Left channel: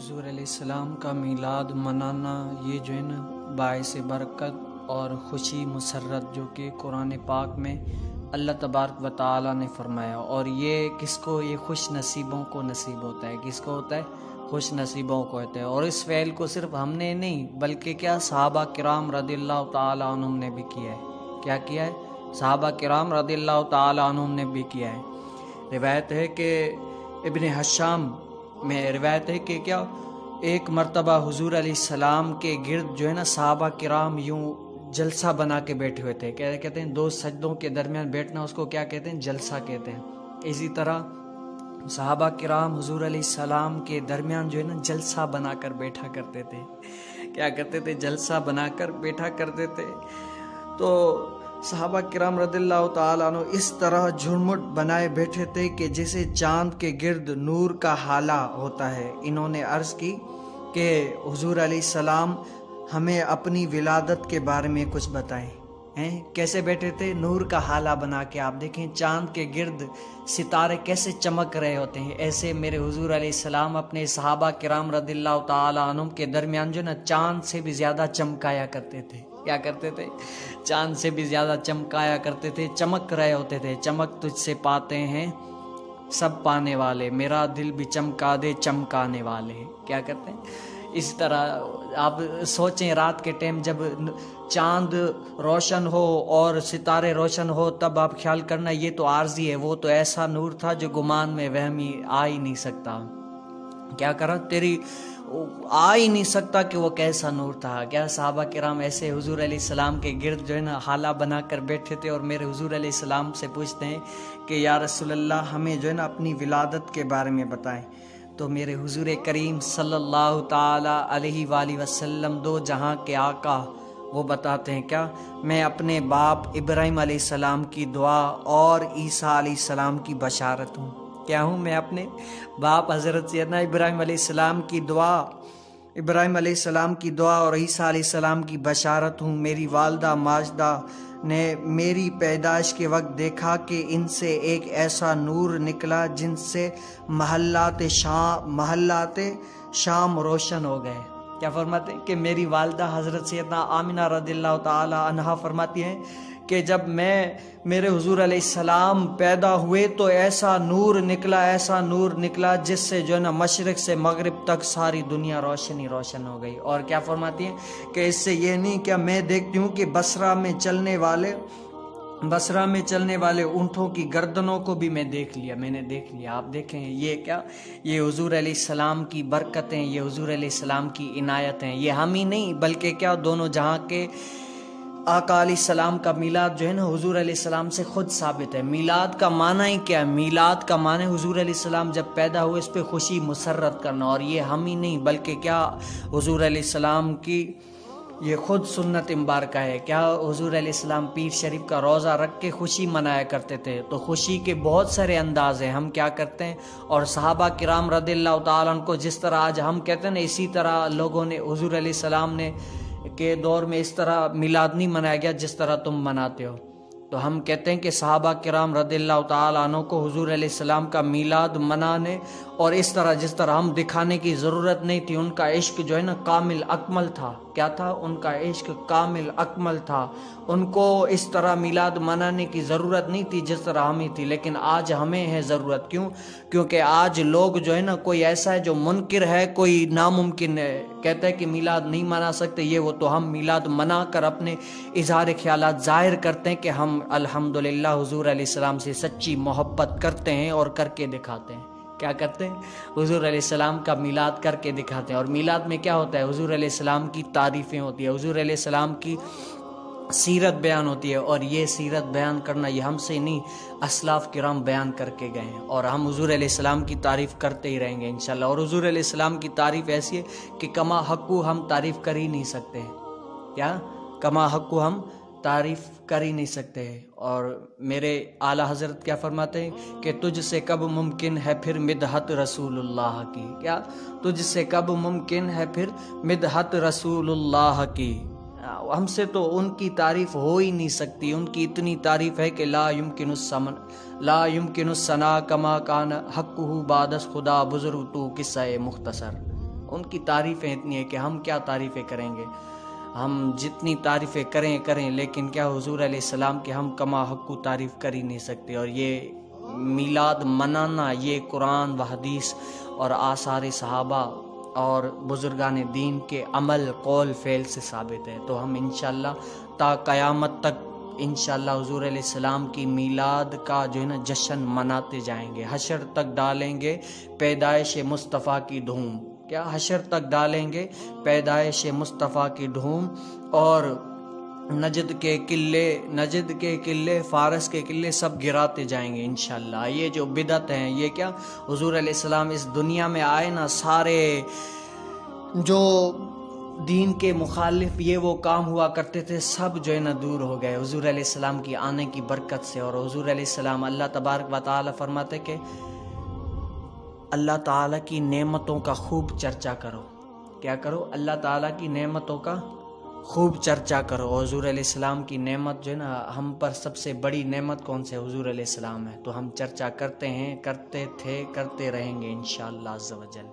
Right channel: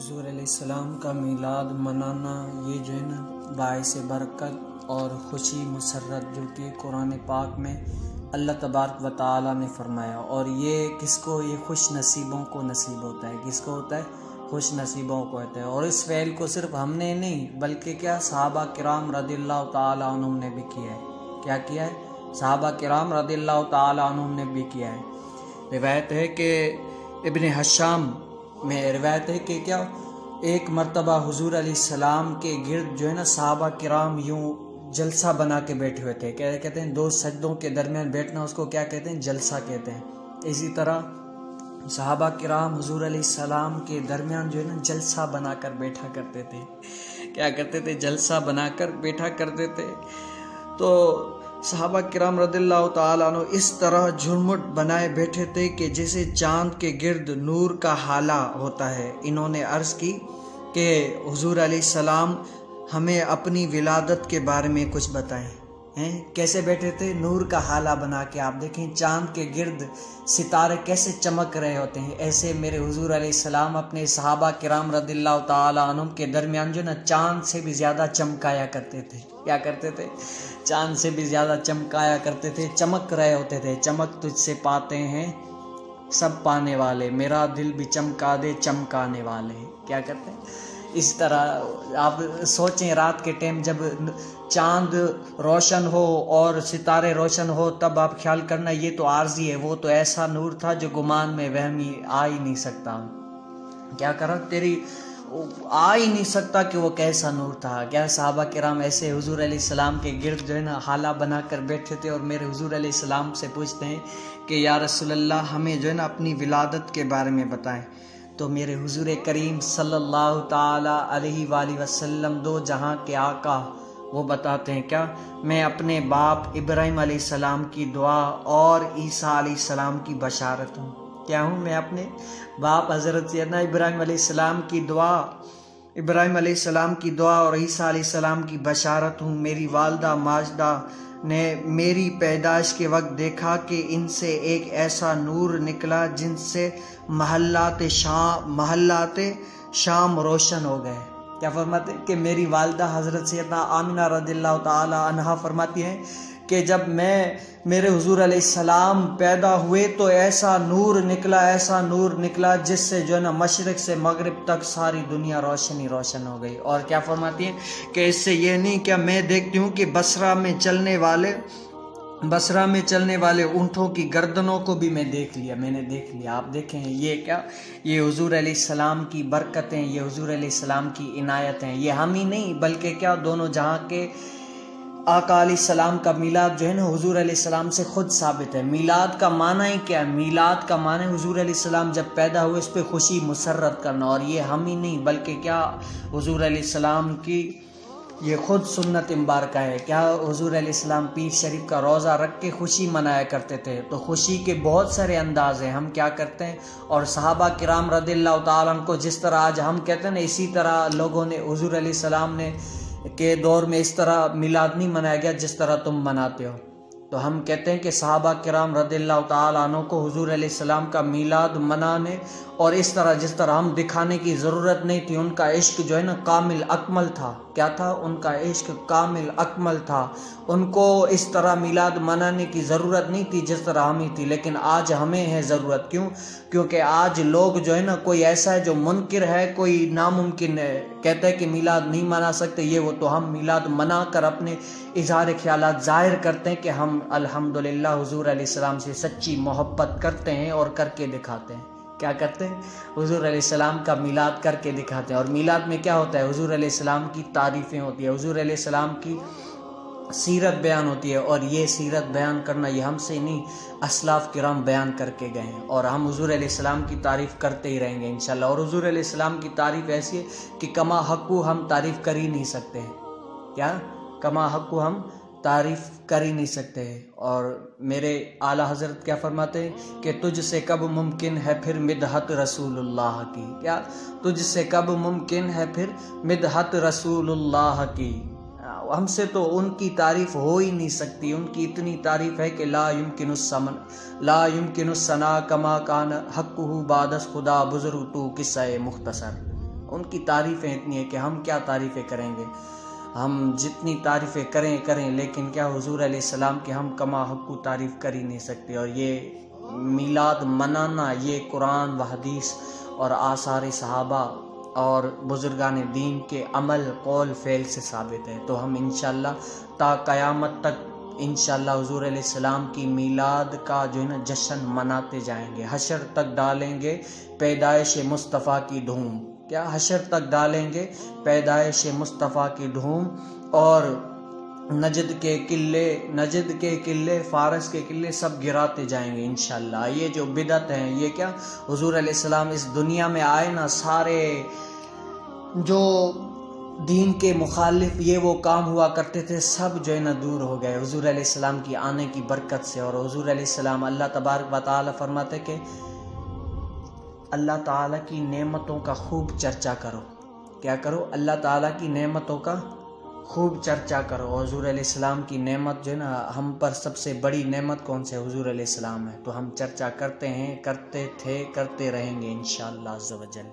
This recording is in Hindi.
हुज़ूर अलैहिस्सलाम का मीलाद मनाना ये जो है ना बाइस बरकत और ख़ुशी मुसर्रत जो कि कुरान पाक में अल्लाह तबारक व तआला ने फरमाया। और ये किसको, ये खुश नसीबों को नसीब होता है। किसको होता है? खुश नसीबों को होता है। और इस फ़ेल को सिर्फ हमने नहीं बल्कि क्या सहाबा किराम रज़ियल्लाहु तआला अन्हुम ने भी किया है। क्या किया है? सहाबा किराम रज़ियल्लाहु तआला अन्हुम ने भी किया है। रिवायत है कि इब्न हशाम में रिवायत है कि क्या एक मर्तबा हुजूर अलैहिस्सलाम के गिर्द जो है ना सहाबा किराम यूं जलसा बना के बैठे हुए थे। क्या कहते हैं? दो सजदों के दरमियान बैठना, उसको क्या कहते हैं? जलसा कहते हैं। इसी तरह सहाबा किराम हुजूर अलैहिस्सलाम के दरमियान जो है ना जलसा बनाकर बैठा करते थे। क्या करते थे? जलसा बनाकर बैठा करते थे। तो सहाबा किराम रज़ियल्लाहु तआला अन्हु इस तरह झुरमुट बनाए बैठे थे कि जैसे चांद के गिर्द नूर का हाला होता है। इन्होंने अर्ज़ की कि हुजूर अलैहिस्सलाम हमें अपनी विलादत के बारे में कुछ बताएं। हैं कैसे बैठे थे? नूर का हाला बना के। आप देखें चांद के गिर्द सितारे कैसे चमक रहे होते हैं, ऐसे मेरे हुजूर अलैहिस्सलाम अपने सहाबा किराम रज़ियल्लाहु तआला अन्हुम के दरमियान जो ना चांद से भी ज़्यादा चमकाया करते थे। क्या करते थे? चांद से भी ज़्यादा चमकाया करते थे, चमक रहे होते थे। चमक तुझसे पाते हैं सब पाने वाले, मेरा दिल भी चमका दे चमकाने वाले। क्या करते हैं? इस तरह आप सोचें रात के टाइम जब चांद रोशन हो और सितारे रोशन हो तब आप ख्याल करना ये तो आर्जी है, वो तो ऐसा नूर था जो गुमान में वहमी आ ही नहीं सकता। क्या करा तेरी आ ही नहीं सकता कि वो कैसा नूर था। क्या सहाबा किराम ऐसे हुजूर अलैहिस्सलाम के गिर्द जो है ना हाला बनाकर बैठे थे और मेरे हुजूर अलैहिस्सलाम से पूछते हैं कि या रसूलल्लाह हमें जो है ना अपनी विलादत के बारे में बताएं। तो मेरे हुजूर करीम सल्लल्लाहु ताला अलैहि वसल्लम दो जहां के आका वो बताते हैं क्या, मैं अपने बाप इब्राहिम अलैहिस्सलाम की दुआ और ईसा अलैहिस्सलाम की बशारत हूँ। क्या हूँ? मैं अपने बाप हज़रत सैयदना इब्राहिम अलैहिस्सलाम की दुआ और ईसा अलैहिस्सलाम की बशारत हूँ। मेरी वालदा माजदा ने मेरी पैदाइश के वक्त देखा कि इनसे एक ऐसा नूर निकला जिनसे महल्लाते शाम रोशन हो गए। क्या फरमाते हैं कि मेरी वालदा हज़रत सैयदना आमिना रज़ियल्लाहु ताला अन्हा फरमाती है कि जब मेरे हुजूर अलैहिस्सलाम पैदा हुए तो ऐसा नूर निकला जिससे जो है ना मशरिक से मगरिब तक सारी दुनिया रोशन हो गई। और क्या फरमाती है कि इससे ये नहीं क्या मैं देखती हूँ कि बसरा में चलने वाले ऊँटों की गर्दनों को भी मैंने देख लिया। आप देखें ये क्या, ये हुजूर अलैहिस्सलाम की बरकतें, ये हुजूर अलैहिस्सलाम की इनायत हैं। ये हम ही नहीं बल्कि क्या दोनों जहां के आका अलैहिस्सलाम का मीलाद जो है ना हुजूर अलैहिस्सलाम से खुद साबित है। मीलाद का माना ही क्या है? मीलाद का माना है हुजूर अलैहिस्सलाम जब पैदा हुए इस पे खुशी मुसर्रत करना। और ये हम ही नहीं बल्कि क्या हुजूर अलैहिस्सलाम की ये खुद सुन्नत मुबारका है। क्या हुजूर अलैहिस्सलाम पीर शरीफ का रोज़ा रख के खुशी मनाया करते थे। तो खुशी के बहुत सारे अंदाज हैं। हम क्या करते हैं और सहाबा किराम रज़ियल्लाहु ताला अन्हुम को जिस तरह आज हम कहते हैं ना, इसी तरह लोगों ने हुजूर अलैहिस्सलाम ने के दौर में इस तरह मिलाद नहीं मनाया गया जिस तरह तुम मनाते हो। तो हम कहते हैं कि सहाबा किराम रज़ियल्लाहु ताला अन्हुम को हुजूर अलैहिस्सलाम का मिलाद मनाने और इस तरह जिस तरह हम दिखाने की ज़रूरत नहीं थी। उनका इश्क जो है ना कामिल अकमल था। क्या था? उनका इश्क कामिल अकमल था। उनको इस तरह मिलाद मनाने की ज़रूरत नहीं थी जिस तरह हमें थी, लेकिन आज हमें है ज़रूरत। क्यों? क्योंकि आज लोग जो है ना कोई ऐसा है जो मुनकिर है, कोई नामुमकिन है, कहते हैं कि मिलाद नहीं मना सकते ये वो। तो हम मिलाद मना कर अपने इजहार ख्यालात ज़ाहिर करते हैं कि हम अल्हम्दुलिल्लाह हुजूर अलैहिस्सलाम से सच्ची मोहब्बत करते हैं और करके दिखाते हैं। क्या करते हैं? हुजूर अलैहिस्सलाम का मिलाद करके दिखाते हैं। और मिलाद में क्या होता है? हुजूर अलैहिस्सलाम की तारीफ़ें होती है, हुजूर अलैहिस्सलाम की सीरत बयान होती है। और ये सीरत बयान करना ये हमसे नहीं असलाफ किराम बयान करके गए हैं। और हम हुजूर अलैहिस्सलाम की तारीफ़ करते ही रहेंगे इंशाल्लाह। और हुजूर अलैहिस्सलाम की तारीफ़ ऐसी है कि कमा हक़्क़ु हम तारीफ़ कर ही नहीं सकते हैं। क्या? कमा हक़्क़ु हम तारीफ़ कर ही नहीं सकते हैं। और मेरे आला हज़रत क्या फरमाते हैं कि तुझसे कब मुमकिन है फिर मिदहत रसूलुल्लाह की। क्या? तुझसे कब मुमकिन है फिर मिदहत रसूलुल्लाह की। हमसे तो उनकी तारीफ़ हो ही नहीं सकती। उनकी इतनी तारीफ़ है कि ला युमकिनुस सना कमा कान हक़्क़ुहु बादस खुदा बुज़ुर्ग तू किस्सा मुख्तसर। उनकी तारीफ़ें इतनी है कि हम क्या तारीफ़ें करेंगे, हम जितनी तारीफ़ें करें लेकिन क्या हुजूर अलैहिस्सलाम के हम कमा हक़ तारीफ़ कर ही नहीं सकते। और ये मीलाद मनाना ये कुरान व हदीस और आसार सहाबा और बुजुर्गान दीन के अमल कौल फ़ेल से साबित है। तो हम इंशाअल्लाह ता क़यामत तक इंशाअल्लाह हुजूर अलैहिस्सलाम की मीलाद का जो है ना जश्न मनाते जाएंगे। हशर तक डालेंगे पैदाइश मुस्तफ़ा की धूम, क्या हशर तक डालेंगे पैदाइश मुस्तफ़ा की धूम। और नजद के किले फारस के किले सब गिराते जाएंगे इंशाअल्लाह। ये जो बिदत है, ये क्या हुजूर अलैहिस्सलाम इस दुनिया में आए ना, सारे जो दीन के मुखालिफ ये वो काम हुआ करते थे सब जो है ना दूर हो गए हुजूर अलैहिस्सलाम की आने की बरकत से। और हुजूर अलैहिस्सलाम अल्लाह तबारक व तआला फरमाते कि अल्लाह ताला की नेमतों का खूब चर्चा करो। क्या करो? अल्लाह ताला की नेमतों का खूब चर्चा करो। हुजूर अलैहिस्सलाम की नेमत जो है ना, हम पर सबसे बड़ी नेमत कौन सी है? हुजूर अलैहिस्सलाम है। तो हम चर्चा करते हैं, करते थे, करते रहेंगे इंशाअल्लाह अज़्ज़ व जल।